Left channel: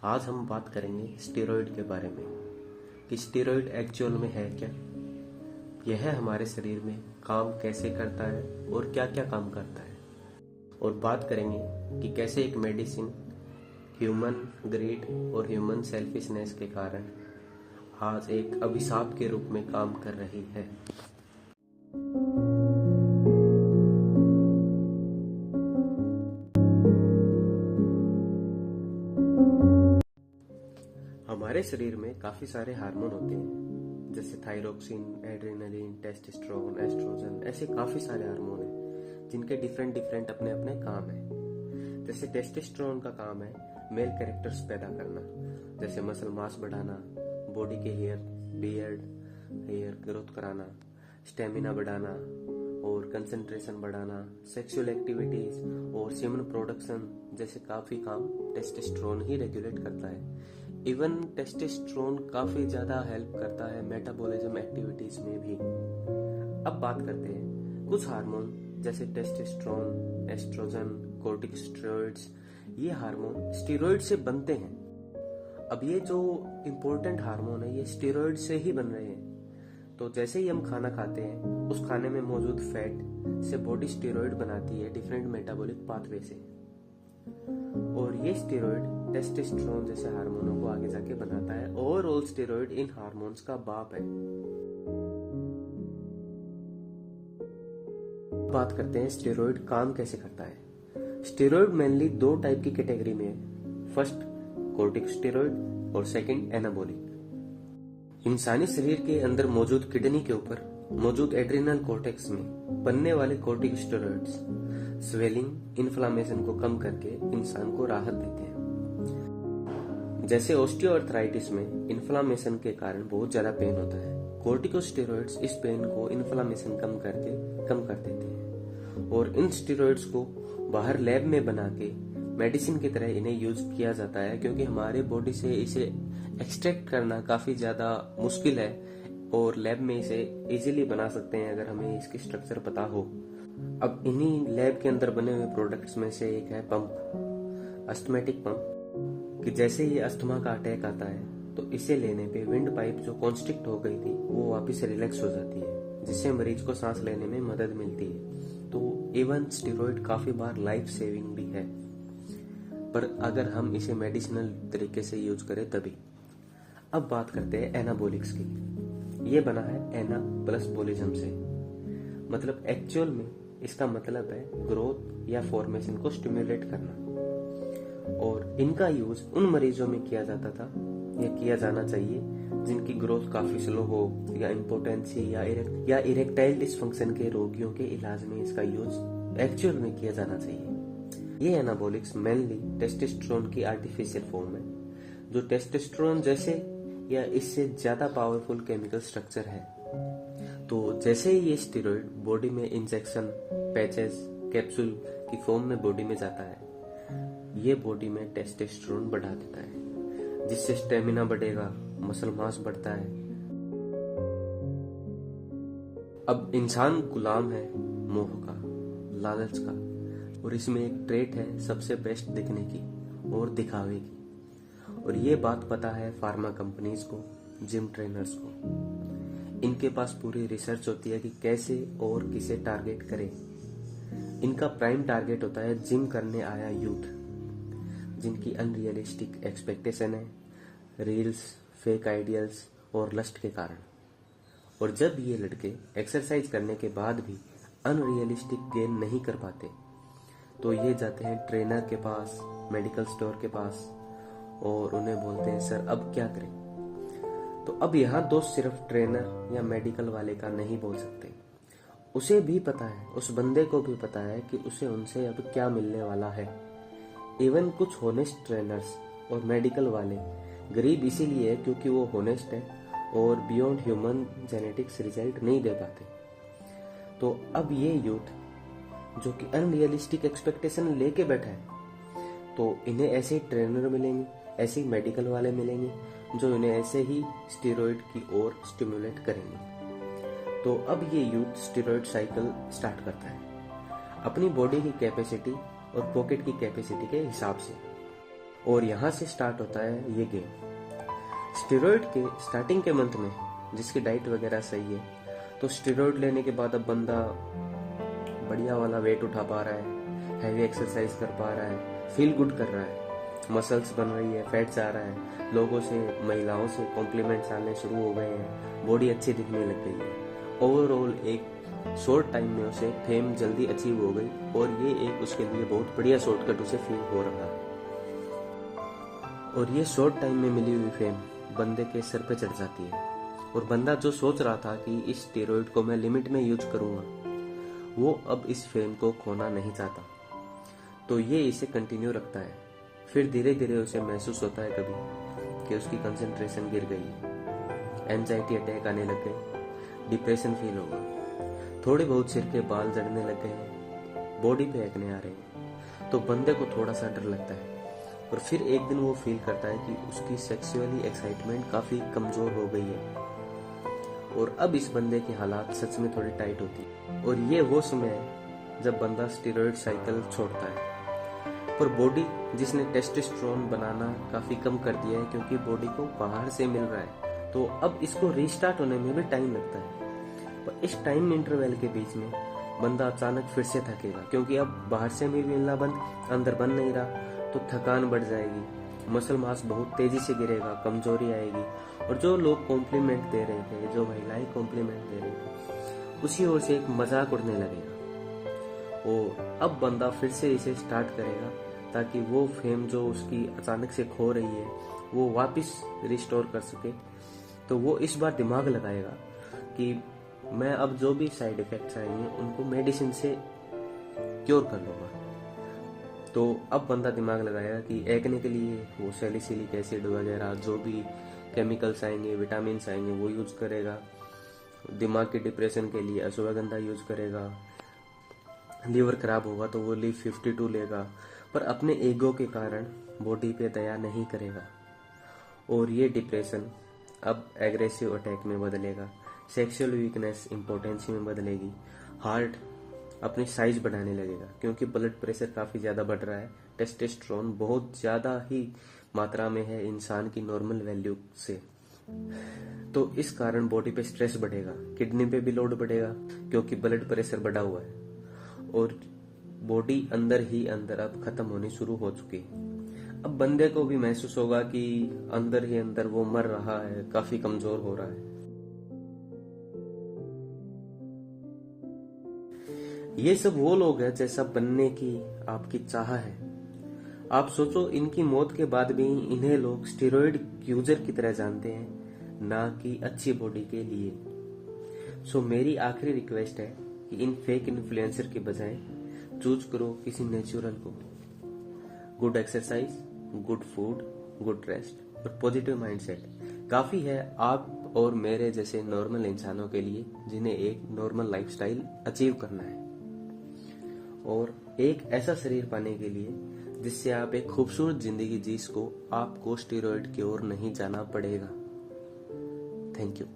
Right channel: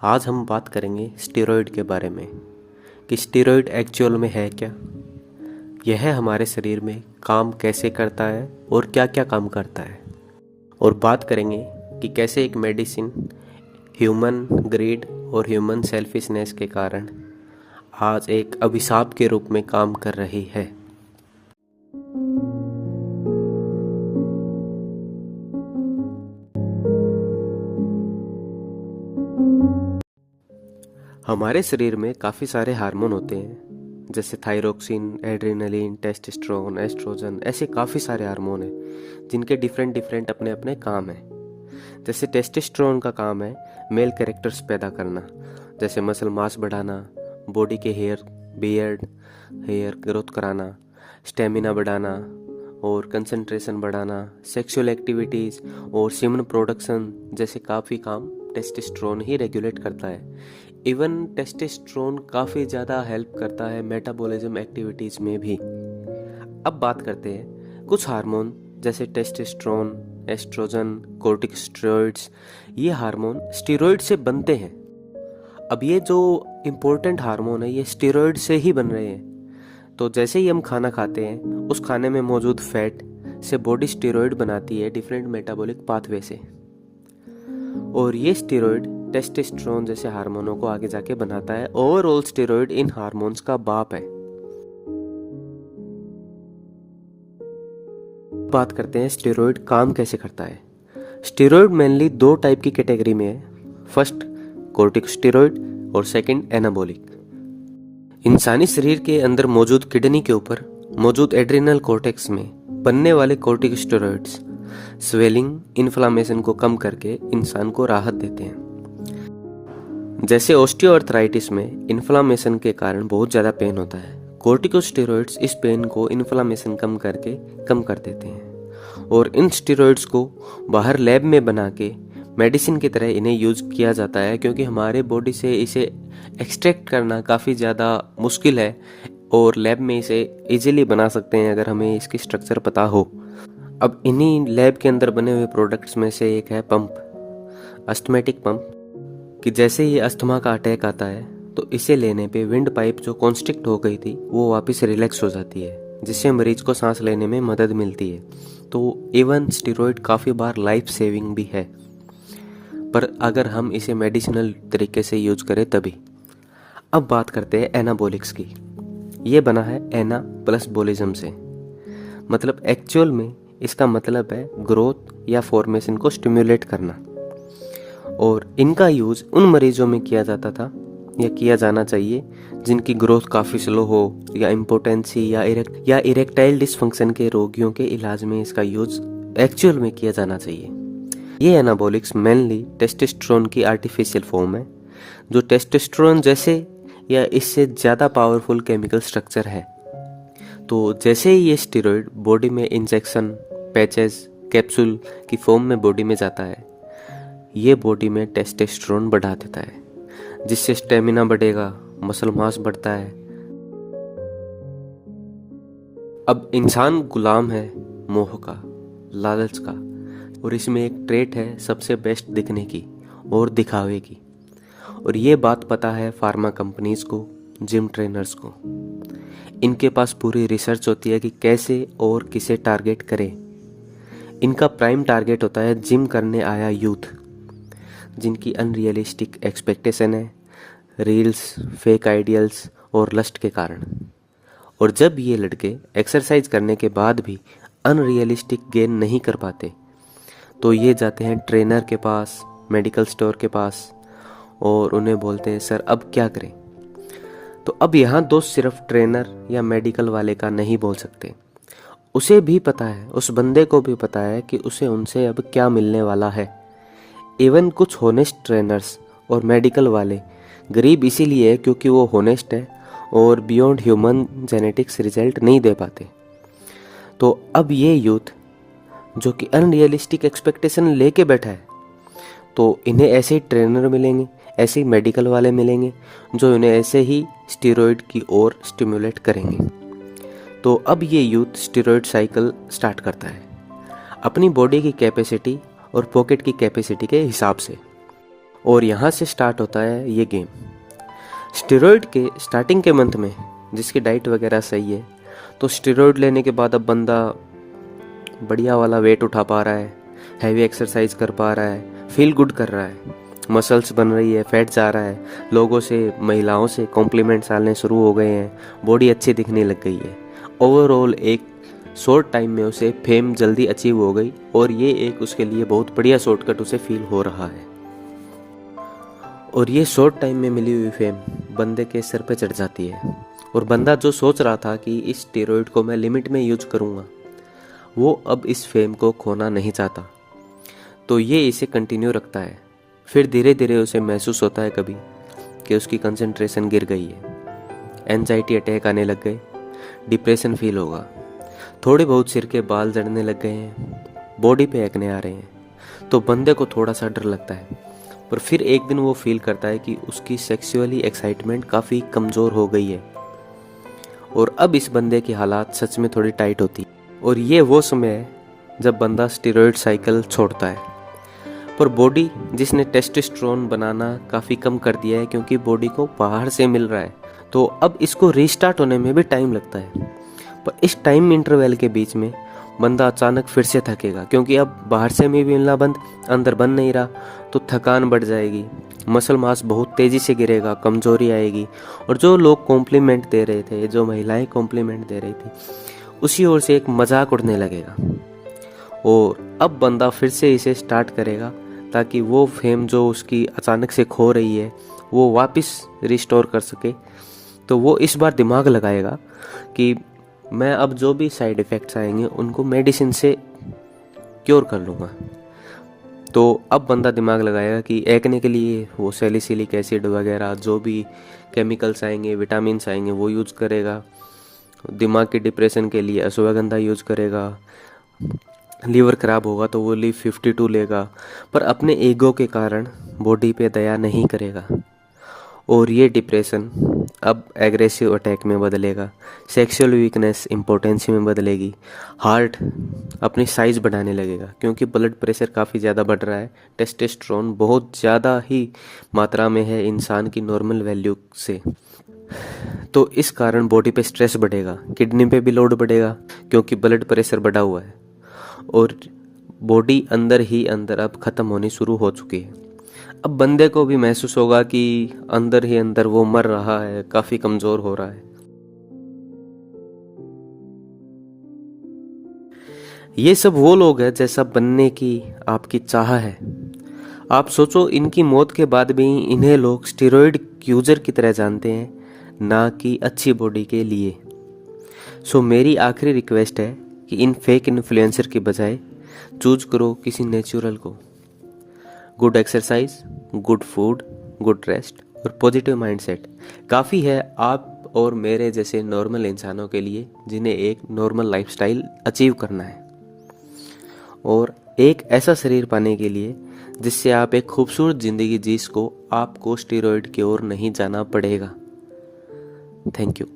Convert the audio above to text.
आज हम बात करेंगे स्टेरॉयड के बारे में कि स्टेरॉयड एक्चुअल में है क्या, यह हमारे शरीर में काम कैसे करता है और क्या क्या काम करता है। और बात करेंगे कि कैसे एक मेडिसिन ह्यूमन ग्रीड और ह्यूमन सेल्फिशनेस के कारण आज एक अभिशाप के रूप में काम कर रही है। हमारे शरीर में काफ़ी सारे हार्मोन होते हैं, जैसे थायरोक्सिन, एड्रेनलिन, टेस्टोस्टेरोन, एस्ट्रोजन, ऐसे काफ़ी सारे हार्मोन हैं जिनके डिफरेंट डिफरेंट अपने अपने काम हैं। जैसे टेस्टोस्टेरोन का काम है मेल कैरेक्टर्स पैदा करना, जैसे मसल मास बढ़ाना, बॉडी के हेयर ग्रोथ कराना, स्टेमिना बढ़ाना और कंसंट्रेशन बढ़ाना, सेक्सुअल एक्टिविटीज़ और सीमन प्रोडक्शन जैसे काफ़ी काम टेस्टोस्टेरोन ही रेगुलेट करता है। इवन टेस्टोस्टेरोन काफ़ी ज़्यादा हेल्प करता है मेटाबॉलिज्म एक्टिविटीज़ में भी। अब बात करते हैं कुछ हार्मोन जैसे टेस्टोस्टेरोन, एस्ट्रोजन, कोर्टिकोस्टेरॉइड्स। ये हार्मोन स्टेरॉइड से बनते हैं। अब ये जो इम्पोर्टेंट हार्मोन है ये स्टेरॉइड से ही बन रहे हैं। तो जैसे ही हम खाना खाते हैं उस खाने में मौजूद फैट से बॉडी स्टेरॉइड बनाती है डिफरेंट मेटाबॉलिक पाथवे से, और ये स्टेरॉइड टेस्टोस्टेरोन जैसे हार्मोनों को आगे जाके बनाता है। ओवरऑल स्टेरॉइड इन हार्मोन्स का बाप है। बात करते हैं स्टेरॉइड काम कैसे करता है। स्टेरॉइड मेनली दो टाइप की कैटेगरी में है, फर्स्ट कोर्टिकोस्टेरॉइड और सेकंड एनाबॉलिक। इंसानी शरीर के अंदर मौजूद किडनी के ऊपर मौजूद एड्रिनल कॉर्टेक्स में बनने वाले कोर्टिकोस्टेरॉइड्स स्वेलिंग, इन्फ्लामेशन को कम करके इंसान को राहत देते हैं। जैसे ऑस्टियोआर्थराइटिस में इन्फ्लामेशन के कारण बहुत ज़्यादा पेन होता है, कोर्टिकोस्टेरॉइड्स इस पेन को इन्फ्लामेशन कम कर देते हैं। और इन स्टेरॉइड्स को बाहर लैब में बना के मेडिसिन की तरह इन्हें यूज किया जाता है, क्योंकि हमारे बॉडी से इसे एक्सट्रैक्ट करना काफ़ी ज़्यादा मुश्किल है और लैब में इसे इजीली बना सकते हैं अगर हमें इसकी स्ट्रक्चर पता हो। अब इन्हीं लैब के अंदर बने हुए प्रोडक्ट्स में से एक है पंप, अस्थमेटिक पंप, कि जैसे ये अस्थमा का अटैक आता है तो इसे लेने पे विंड पाइप जो कॉन्स्ट्रिक्ट हो गई थी वो वापस रिलैक्स हो जाती है, जिससे मरीज को सांस लेने में मदद मिलती है। तो इवन स्टेरॉइड काफ़ी बार लाइफ सेविंग भी है, पर अगर हम इसे मेडिसिनल तरीके से यूज करें तभी। अब बात करते हैं एनाबॉलिक्स की। ये बना है एना प्लस बोलिज्म से, मतलब एक्चुअल में इसका मतलब है ग्रोथ या फॉर्मेशन को स्टिम्युलेट करना। और इनका यूज उन मरीजों में किया जाता था या किया जाना चाहिए जिनकी ग्रोथ काफ़ी स्लो हो, या इम्पोटेंसी या इरेक्टाइल डिसफंक्शन के रोगियों के इलाज में इसका यूज एक्चुअल में किया जाना चाहिए। ये एनाबॉलिक्स मेनली टेस्टोस्टेरोन की आर्टिफिशियल फॉर्म है, जो टेस्टोस्टेरोन जैसे या इससे ज़्यादा पावरफुल केमिकल स्ट्रक्चर है। तो जैसे ही ये स्टेरॉइड बॉडी में इंजेक्शन, पैचेस, कैप्सूल की फॉर्म में बॉडी में जाता है, ये बॉडी में टेस्टोस्टेरोन बढ़ा देता है, जिससे स्टेमिना बढ़ेगा, मसल मास बढ़ता है। अब इंसान गुलाम है मोह का, लालच का, और इसमें एक ट्रेट है सबसे बेस्ट दिखने की और दिखावे की। और ये बात पता है फार्मा कंपनीज को, जिम ट्रेनर्स को। इनके पास पूरी रिसर्च होती है कि कैसे और किसे टारगेट करें। इनका प्राइम टारगेट होता है जिम करने आया यूथ, जिनकी अनरियलिस्टिक एक्सपेक्टेशन है रील्स, फेक आइडियल्स और लस्ट के कारण। और जब ये लड़के एक्सरसाइज करने के बाद भी अनरियलिस्टिक गेन नहीं कर पाते तो ये जाते हैं ट्रेनर के पास, मेडिकल स्टोर के पास, और उन्हें बोलते हैं सर अब क्या करें। तो अब यहाँ दोस्त सिर्फ ट्रेनर या मेडिकल वाले का नहीं बोल सकते, उसे भी पता है, उस बंदे को भी पता है कि उसे उनसे अब क्या मिलने वाला है। इवन कुछ होनेस्ट ट्रेनर्स और मेडिकल वाले गरीब इसीलिए है क्योंकि वो होनेस्ट है और बियॉन्ड ह्यूमन जेनेटिक्स रिजल्ट नहीं दे पाते। तो अब ये यूथ जो कि अनरियलिस्टिक एक्सपेक्टेशन लेके बैठा है, तो इन्हें ऐसे ही ट्रेनर मिलेंगे, ऐसे ही मेडिकल वाले मिलेंगे जो इन्हें ऐसे ही स्टेरॉइड की ओर स्टिमुलेट करेंगे। तो अब ये यूथ स्टेरॉइड साइकिल स्टार्ट करता है अपनी बॉडी की कैपेसिटी और पॉकेट की कैपेसिटी के हिसाब से। और यहाँ से स्टार्ट होता है ये गेम। स्टेरॉइड के स्टार्टिंग के मंथ में जिसकी डाइट वगैरह सही है, तो स्टेरॉइड लेने के बाद अब बंदा बढ़िया वाला वेट उठा पा रहा है, हैवी एक्सरसाइज कर पा रहा है, फील गुड कर रहा है, मसल्स बन रही है, फैट जा रहा है, लोगों से महिलाओं से कॉम्प्लीमेंट्स आने शुरू हो गए हैं, बॉडी अच्छी दिखने लग गई है। ओवरऑल एक शॉर्ट टाइम में उसे फेम जल्दी अचीव हो गई और ये एक उसके लिए बहुत बढ़िया शॉर्टकट उसे फील हो रहा है। और ये शॉर्ट टाइम में मिली हुई फेम बंदे के सर पे चढ़ जाती है और बंदा जो सोच रहा था कि इस स्टेरॉइड को मैं लिमिट में यूज करूँगा, वो अब इस फेम को खोना नहीं चाहता, तो ये इसे कंटिन्यू रखता है। फिर धीरे धीरे उसे महसूस होता है कभी कि उसकी कंसंट्रेशन गिर गई है, एंजाइटी अटैक आने लग गए, डिप्रेशन फील होगा, थोड़े बहुत सिर के बाल जड़ने लग गए हैं, बॉडी पे एक्ने आ रहे हैं, तो बंदे को थोड़ा सा डर लगता है। पर फिर एक दिन वो फील करता है कि उसकी सेक्सुअली एक्साइटमेंट काफ़ी कमज़ोर हो गई है और अब इस बंदे की हालात सच में थोड़ी टाइट होती है। और ये वो समय है जब बंदा स्टेरॉइड साइकिल छोड़ता है। पर बॉडी जिसने टेस्टोस्टेरोन बनाना काफ़ी कम कर दिया है क्योंकि बॉडी को बाहर से मिल रहा है, तो अब इसको रीस्टार्ट होने में भी टाइम लगता है। पर इस टाइम इंटरवल के बीच में बंदा अचानक फिर से थकेगा क्योंकि अब बाहर से भी मिलना बंद, अंदर बन नहीं रहा, तो थकान बढ़ जाएगी, मसल मास बहुत तेज़ी से गिरेगा, कमज़ोरी आएगी और जो लोग कॉम्प्लीमेंट दे रहे थे, जो महिलाएं कॉम्प्लीमेंट दे रही थी, उसी ओर से एक मजाक उड़ने लगेगा। और अब बंदा फिर से इसे स्टार्ट करेगा ताकि वो फेम जो उसकी अचानक से खो रही है वो वापस रिस्टोर कर सके। तो वो इस बार दिमाग लगाएगा कि मैं अब जो भी साइड इफ़ेक्ट्स आएंगे उनको मेडिसिन से क्योर कर लूँगा। तो अब बंदा दिमाग लगाएगा कि एक्ने के लिए वो सैलिसिलिक एसिड वगैरह जो भी केमिकल्स आएंगे, विटामिन्स आएंगे, वो यूज़ करेगा। दिमाग के डिप्रेशन के लिए अश्वगंधा यूज़ करेगा। लीवर ख़राब होगा तो वो लीव 52 लेगा, पर अपने ईगो के कारण बॉडी पे दया नहीं करेगा और ये डिप्रेशन अब एग्रेसिव अटैक में बदलेगा, सेक्सुअल वीकनेस इम्पोर्टेंसी में बदलेगी, हार्ट अपनी साइज़ बढ़ाने लगेगा क्योंकि ब्लड प्रेशर काफ़ी ज़्यादा बढ़ रहा है, टेस्टोस्टेरोन बहुत ज़्यादा ही मात्रा में है इंसान की नॉर्मल वैल्यू से। तो इस कारण बॉडी पे स्ट्रेस बढ़ेगा, किडनी पे भी लोड बढ़ेगा क्योंकि ब्लड प्रेशर बढ़ा हुआ है और बॉडी अंदर ही अंदर अब ख़त्म होनी शुरू हो चुकी है। अब बंदे को भी महसूस होगा कि अंदर ही अंदर वो मर रहा है, काफ़ी कमज़ोर हो रहा है। ये सब वो लोग हैं जैसा बनने की आपकी चाह है। आप सोचो, इनकी मौत के बाद भी इन्हें लोग स्टेरॉइड यूजर की तरह जानते हैं, ना कि अच्छी बॉडी के लिए। सो मेरी आखिरी रिक्वेस्ट है कि इन फेक इन्फ्लुएंसर के बजाय चूज करो किसी नेचुरल को। Good exercise, good food, good rest और पॉजिटिव माइंडसेट काफ़ी है आप और मेरे जैसे नॉर्मल इंसानों के लिए जिन्हें एक नॉर्मल लाइफस्टाइल अचीव करना है और एक ऐसा शरीर पाने के लिए जिससे आप एक खूबसूरत ज़िंदगी जी सको। आपको स्टेरॉइड की ओर नहीं जाना पड़ेगा। Thank you.